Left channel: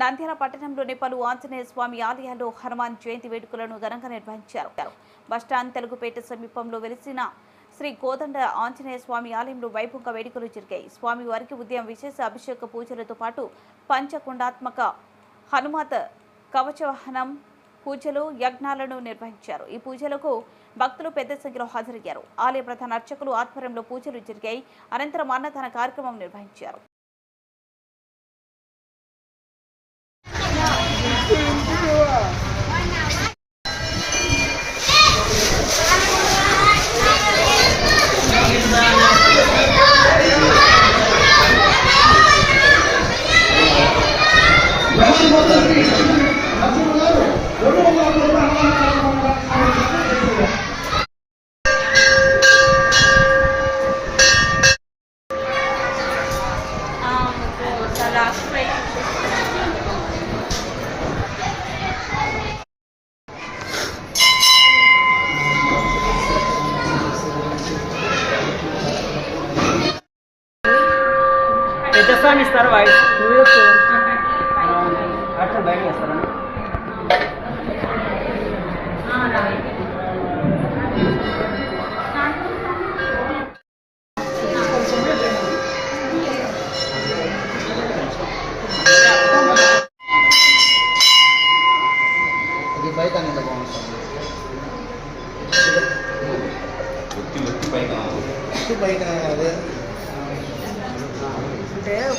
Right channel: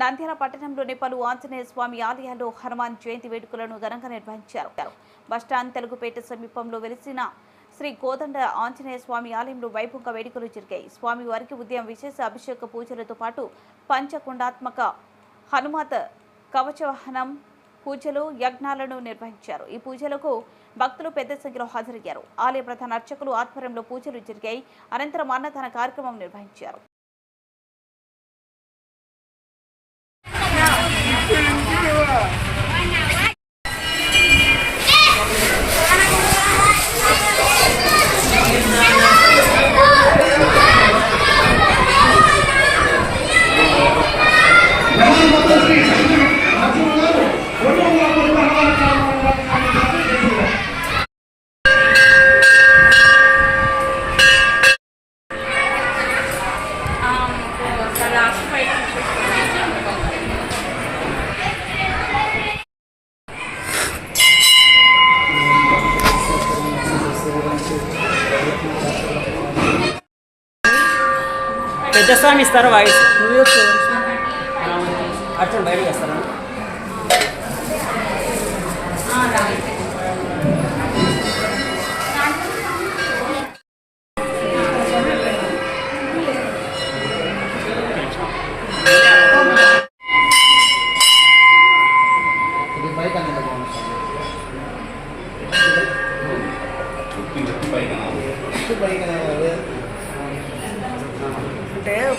నంద్యాల పట్టణంలోని పలు ఆంజనేయ స్వామి ఆలయాల్లో హనుమాన్ జయంతి వేడుకలను ఘనంగా నిర్వహించారు. బస్టాండ్ తెలుగుపేట సమీపంలో వెలిసిన శ్రీ కోదండ ఆంజనేయ స్వామి ఆలయంలో వైభవంగా వేడుకలు జరిగాయి. స్వామివారికి ఉదయం విశేష అభిషేక పూజలతో పాటు పంచకుండాత్మక హనుమత్ కవచవాహనం పూజలు యజ్ఞాలను నిర్వహించారు. ఈ పూజలకు భక్తులు పెద్ద సంఖ్యలో హాజరయ్యారు. ఆలయ ప్రధాన అర్చకులు ఆధ్వర్యంలో పూజలు జరిగాయి. అనంతరం అన్నదాన కార్యక్రమం నిర్వహించారు. పెద్దస్వామి ఇస్తారు వాయిస్ నువ్వు అర్థం బయట చేస్తాను. ఇది బైక్ అనేది బాగుంటుంది. బైక్ అనేది Yeah.